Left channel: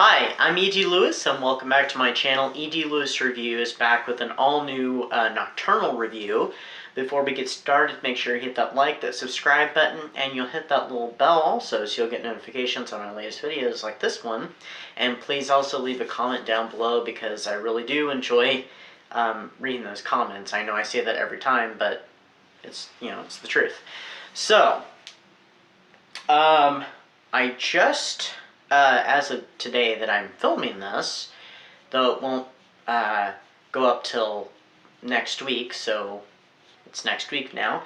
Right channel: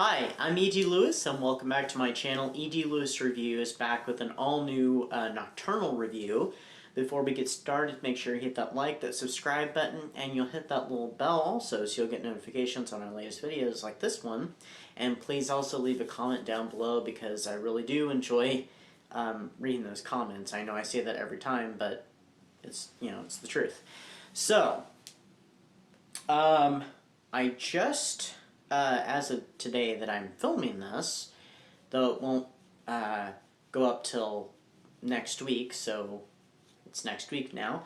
Hi, I'm E.D. Lewis, and welcome back to my channel. E.D. Lewis Review is back with an all-new nocturnal review. Before we get started, make sure you hit that like, that subscribe button, and you'll hit that little bell also so you'll get notifications on our latest videos like this one. And please also leave a comment down below because I really do enjoy reading those comments. I know I say that every time, but it's the truth. So, I just, as of today that I'm filming this, though it won't go up till next week, so it's next week now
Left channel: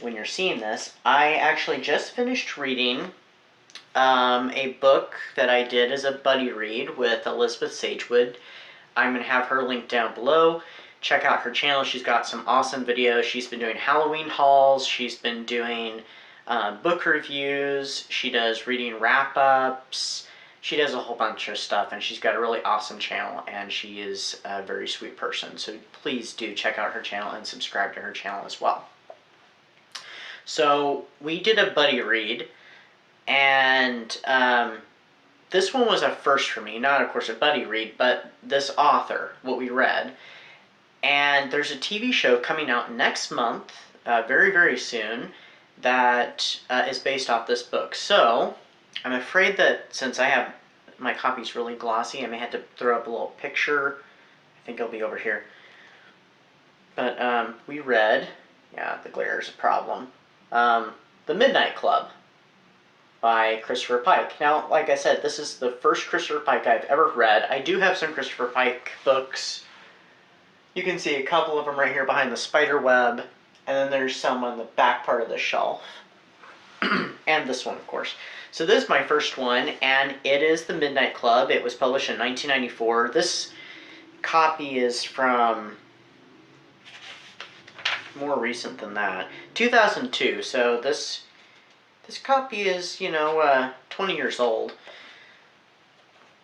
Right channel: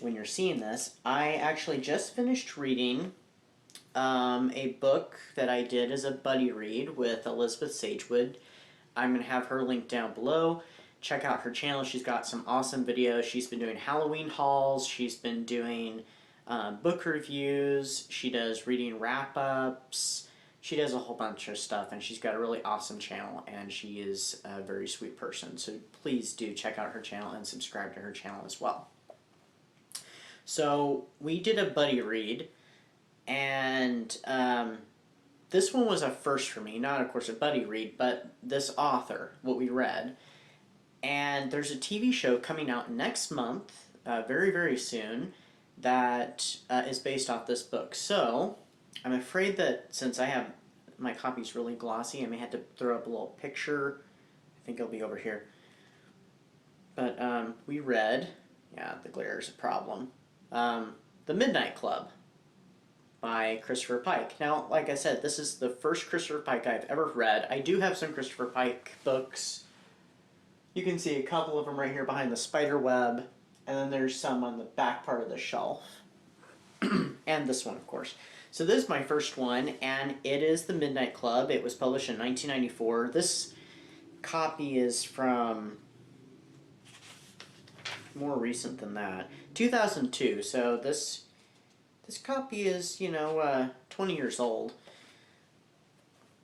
when you're seeing this, I actually just finished reading a book that I did as a buddy read with Elizabeth Sagewood. I'm going to have her linked down below. Check out her channel. She's got some awesome videos. She's been doing Halloween hauls. She's been doing book reviews. She does reading wrap-ups. She does a whole bunch of stuff, and she's got a really awesome channel, and she is a very sweet person. So please do check out her channel and subscribe to her channel as well. So we did a buddy read, and this one was a first for me. Not, of course, a buddy read, but this author, what we read. And there's a TV show coming out next month, very, very soon, that is based off this book. So, I'm afraid that since I have my copy's really glossy, I may have to throw up a little picture. I think it'll be over here. But we read, yeah, the glare is a problem, The Midnight Club by Christopher Pike. Now, like I said, this is the first Christopher Pike I've ever read. I do have some Christopher Pike books. You can see a couple of them right here behind the spider web, and then there's some on the back part of the shelf. And this one, of course. So this is my first one, and it is The Midnight Club. It was published in 1994. This copy is from more recent than that, 2002. So this copy is, 20 years old.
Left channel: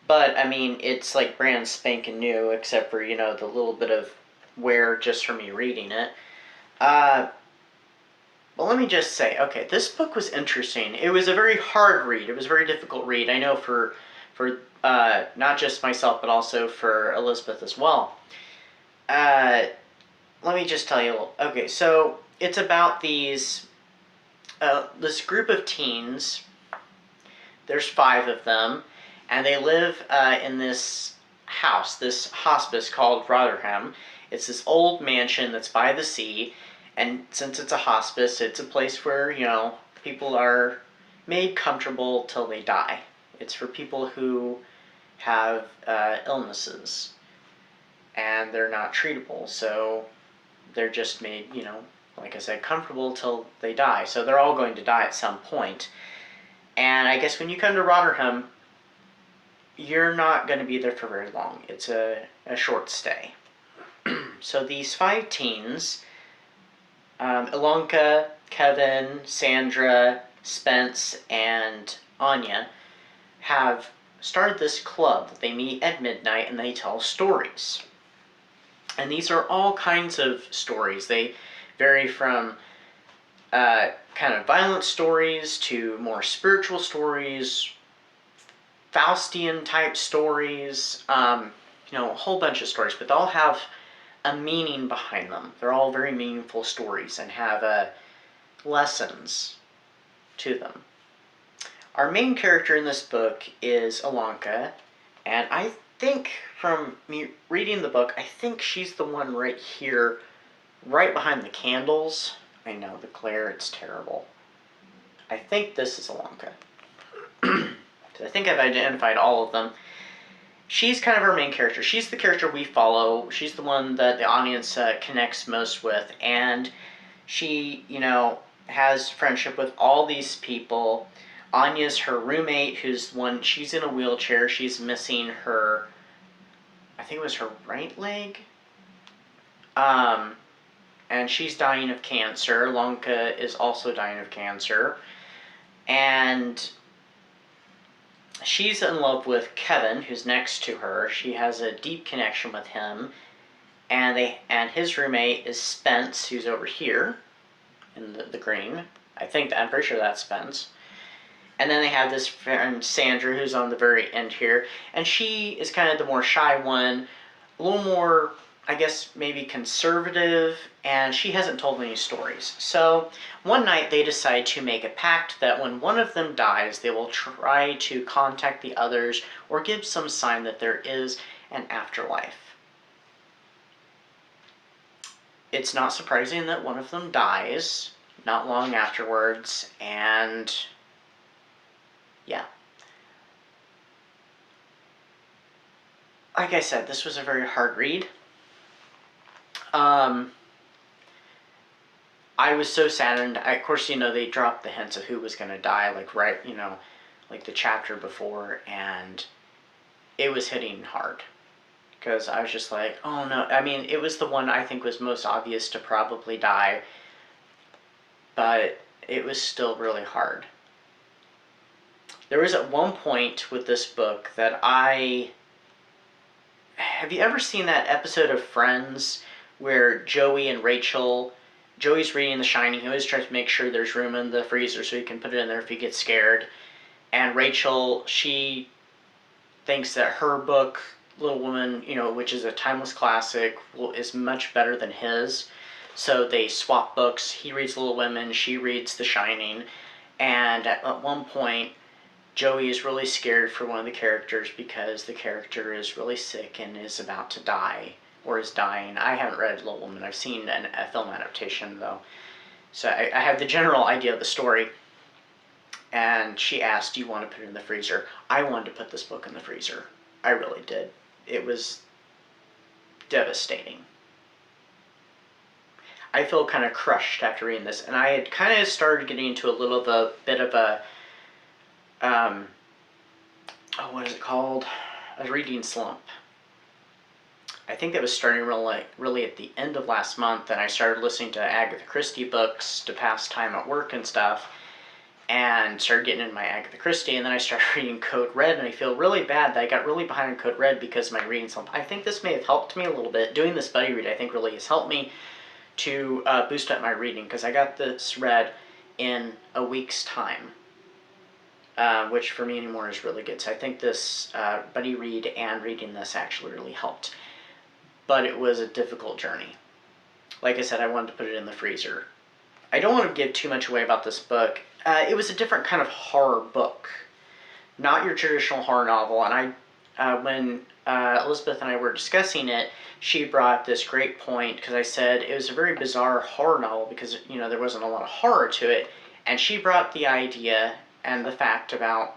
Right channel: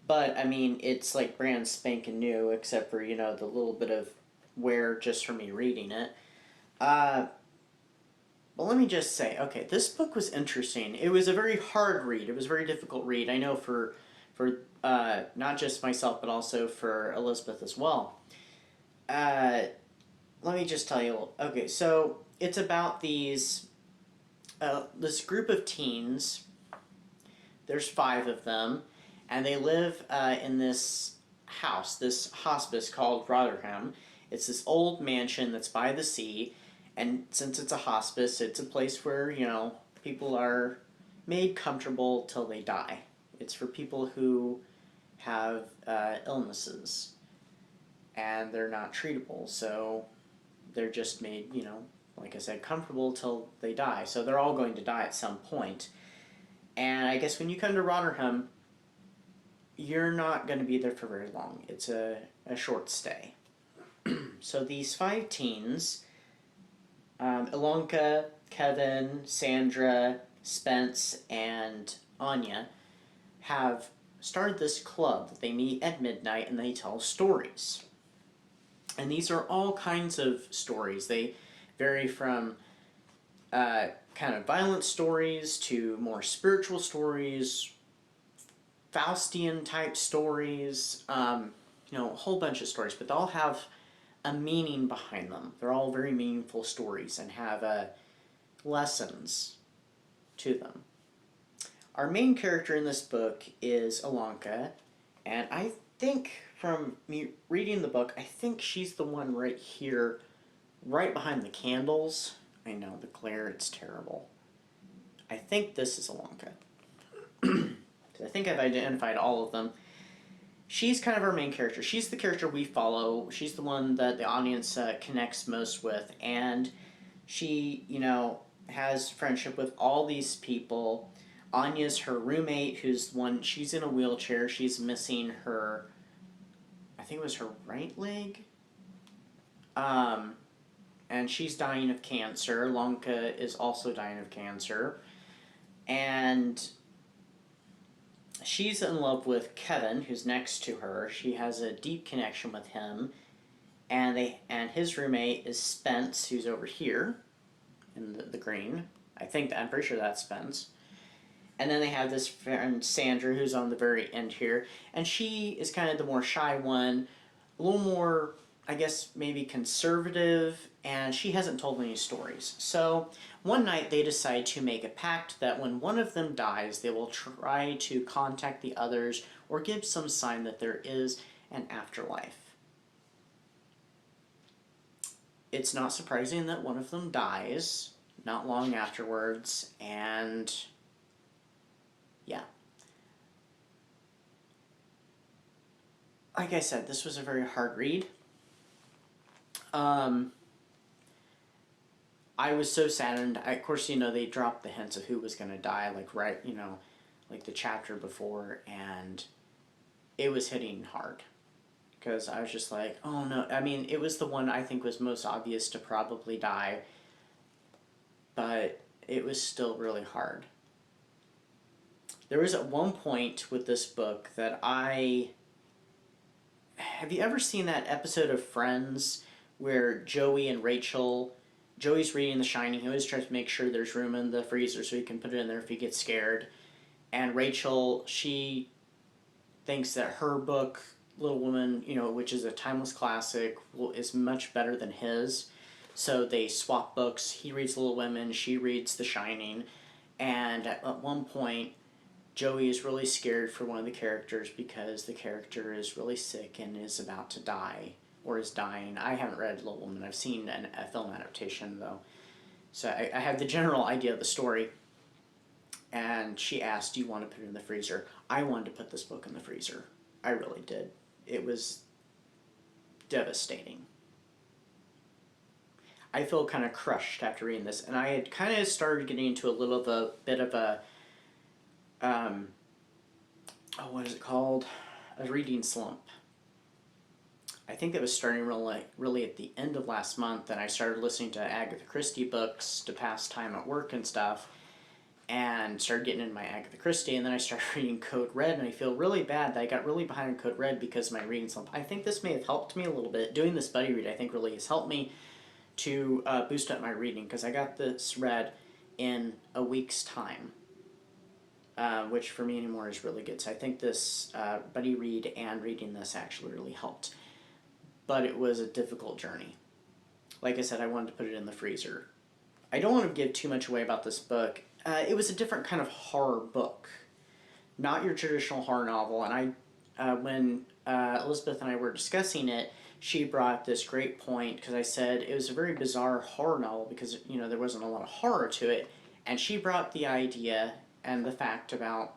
But, I mean, it's like brand spanking new, except for, the little bit of wear just from me reading it. Well, let me just say, okay, this book was interesting. It was a very hard read. It was a very difficult read. I know for not just myself, but also for Elizabeth as well. Let me just tell you a little. Okay, so it's about this group of teens. There's 5 of them, and they live in this house, this hospice called Rotherham. It's this old mansion that's by the sea. And since it's a hospice, it's a place where, people are made comfortable till they die. It's for people who have illnesses, and they're not treatable, so they're just made, like I said, comfortable till they die. So they're all going to die at some point. And I guess when you come to Rotherham, you're not going to be there for very long. It's a short stay. So these 5 teens, Ilonka, Kevin, Sandra, Spence, and Anya, have started this club that they meet at midnight and they tell stories. And these are all kinds of stories. They vary from kind of violent stories to more spiritual stories, Faustian type stories, a whole bunch of stories, but they all have a meaning behind them. They're all very meaningful stories and have lessons to them. Our main character in this book is Ilonka, and I think from me reading the book, I think she's the one right here, right behind the candles. I know, the glare, it's terrible. I think this is Ilonka. I think I've identified all of them. She's kind of our main character. She's the character we follow. She's the one that the audience connects most with. And she, has friendship with all these people. Anya's her roommate, she's in a wheelchair. She's missing her, I think it was her right leg. And she's dying of cancer. Ilonka is also dying of cancer. And she's in love with Kevin, who's next to her. She has a deep connection with him. And his roommate is Spence, who's over here in the green. I'm pretty sure that's Spence. And then they have this friend, Sandra, who's on the very end here. And she is kind of the more shy one, a little more, I guess, maybe conservative, and she hasn't told any stories. So one night they decide to make a pact that when one of them dies, they will try to contact the others or give some sign that there is an afterlife. It's not surprising that one of them dies not long afterwards, and yeah. Like I said, this was a very hard read. I was so saddened. Of course, they dropped the hints of who was going to die, like right, like the chapter before, and it was hitting hard. Because I was just like, oh no. I mean, it was the one I think was most obvious to probably die, but it was still really hard. There was at one point with this book that have you ever seen that episode of Friends where Joey's reading The Shining. He always tries to make sure there's room in the freezer so he can put it in there if he gets scared. And Rachel, she thinks that her book, Little Woman, which is a timeless classic, is much better than his. So they swap books. He reads Little Women, she reads The Shining. And at one point, Joey is really scared for one of the characters because the character is really sick and is about to die, or is dying. I haven't read Little Woman. I've seen a film adaptation, though. So I have the general idea of the story. And she asked, do you want to put it in the freezer? I wanted to put this book in the freezer. I really did. It was devastating. I feel kind of crushed after reading this. And I had kind of started getting into a bit of a what is it called? A reading slump. I think that was starting really at the end of last month, and I started listening to Agatha Christie books to pass time at work and stuff, and started getting into my Agatha Christie, and then I started reading Code Red, and I feel really bad that I got really behind on Code Red because of my reading slump. I think this may have helped me a little bit. Doing this buddy read, I think, really has helped me to boost up my reading, because I got this read in a week's time. Which for me anymore is really good. So I think this buddy read and reading this actually really helped. But it was a difficult journey. Like I said, I wanted to put it in the freezer. I don't want to give too much away about this book. It was a different kind of horror book. Not your traditional horror novel. And when Elizabeth and I were discussing it, she brought this great point, because I said it was a very bizarre horror novel because, there wasn't a lot of horror to it. And she brought the idea and the fact about,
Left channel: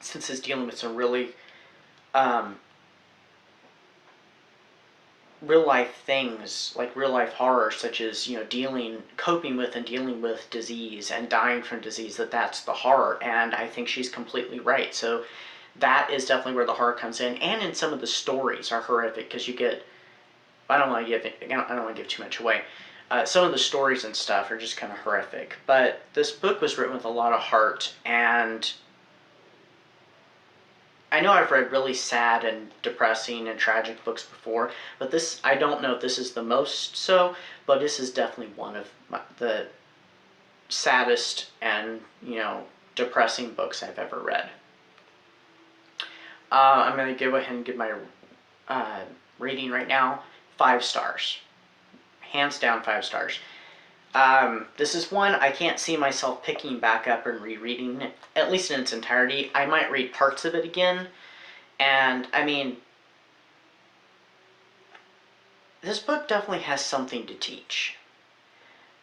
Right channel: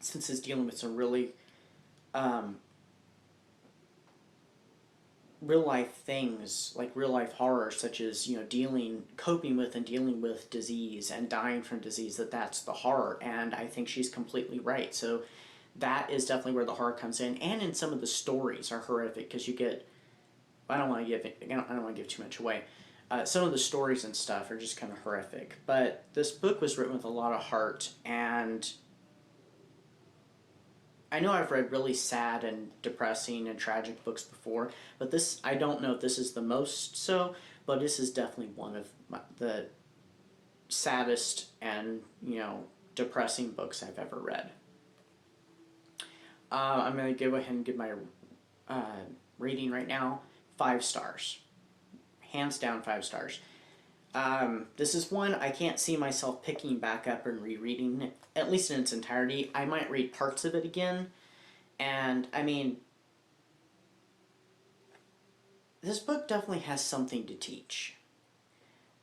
since it's dealing with some really real life things, like real life horror, such as coping with and dealing with disease and dying from disease, that's the horror. And I think she's completely right. So that is definitely where the horror comes in. And in some of the stories are horrific, because you get, I don't want to give too much away. Some of the stories and stuff are just kind of horrific. But this book was written with a lot of heart, and I know I've read really sad and depressing and tragic books before, but this, I don't know if this is the most so, but this is definitely one of the saddest and, depressing books I've ever read. I'm going to go ahead and give my rating right now, 5 stars. Hands down 5 stars. This is one I can't see myself picking back up and rereading, at least in its entirety. I might read parts of it again, and I mean, this book definitely has something to teach.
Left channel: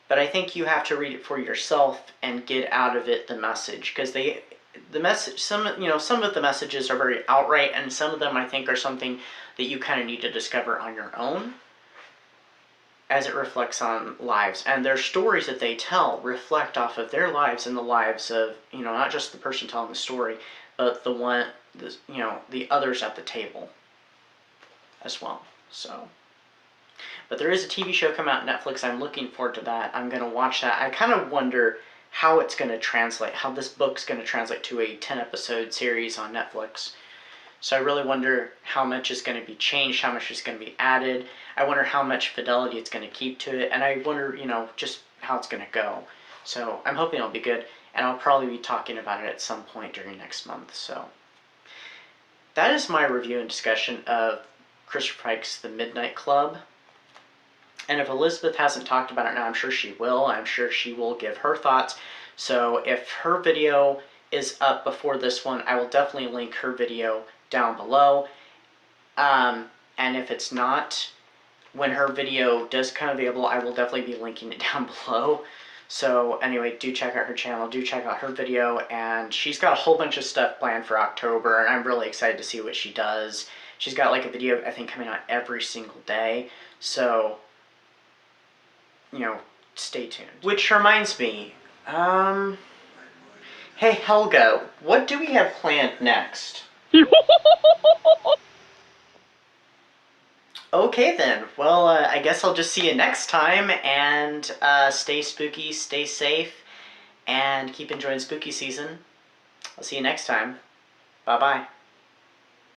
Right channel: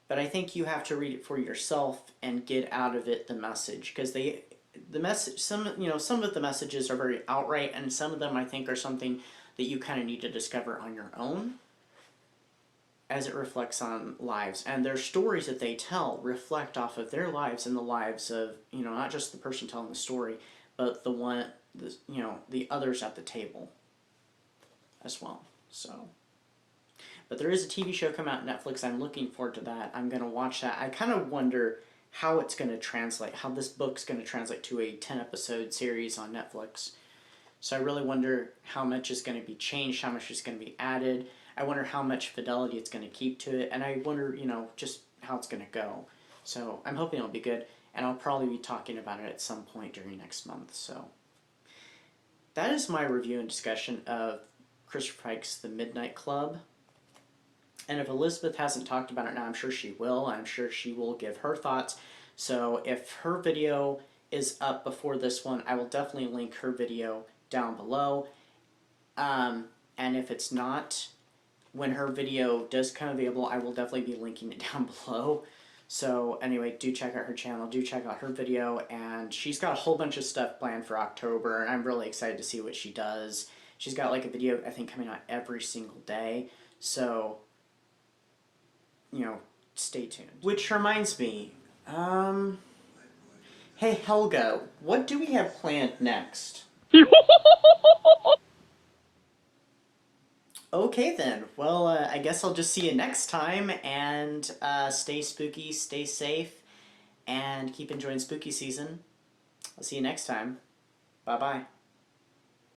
But I think you have to read it for yourself and get out of it the message, because some of the messages are very outright, and some of them I think are something that you kind of need to discover on your own, as it reflects on lives. And their stories that they tell reflect off of their lives and the lives of, not just the person telling the story, but the others at the table as well. So, but there is a TV show coming out on Netflix. I'm looking forward to that. I'm going to watch that. I kind of wonder how it's going to translate, how this book's going to translate to a 10-episode series on Netflix. So I really wonder how much is going to be changed, how much is going to be added. I wonder how much fidelity it's going to keep to it, and I wonder, just how it's going to go. So I'm hoping it'll be good. and I'll probably be talking about it at some point during next month. So that is my review and discussion of Christopher Pike's The Midnight Club. And if Elizabeth hasn't talked about it now, I'm sure she will. I'm sure she will give her thoughts. So if her video is up before this one, I will definitely link her video down below. And if it's not, when her video does come available, I will definitely be linking it down below. So anyway, do check out her channel, do check out her video, and she's got a whole bunch of stuff planned for October, and I'm really excited to see what she does. She's got like a video, I think, coming out every single day, so, you know, stay tuned. Which reminds me, hey Helga, what do we have planned next? Okay then, well, I guess I'll just see you next time, and stay spooky, stay safe, and keep enjoying spooky season. I'll see you next time. Bye-bye.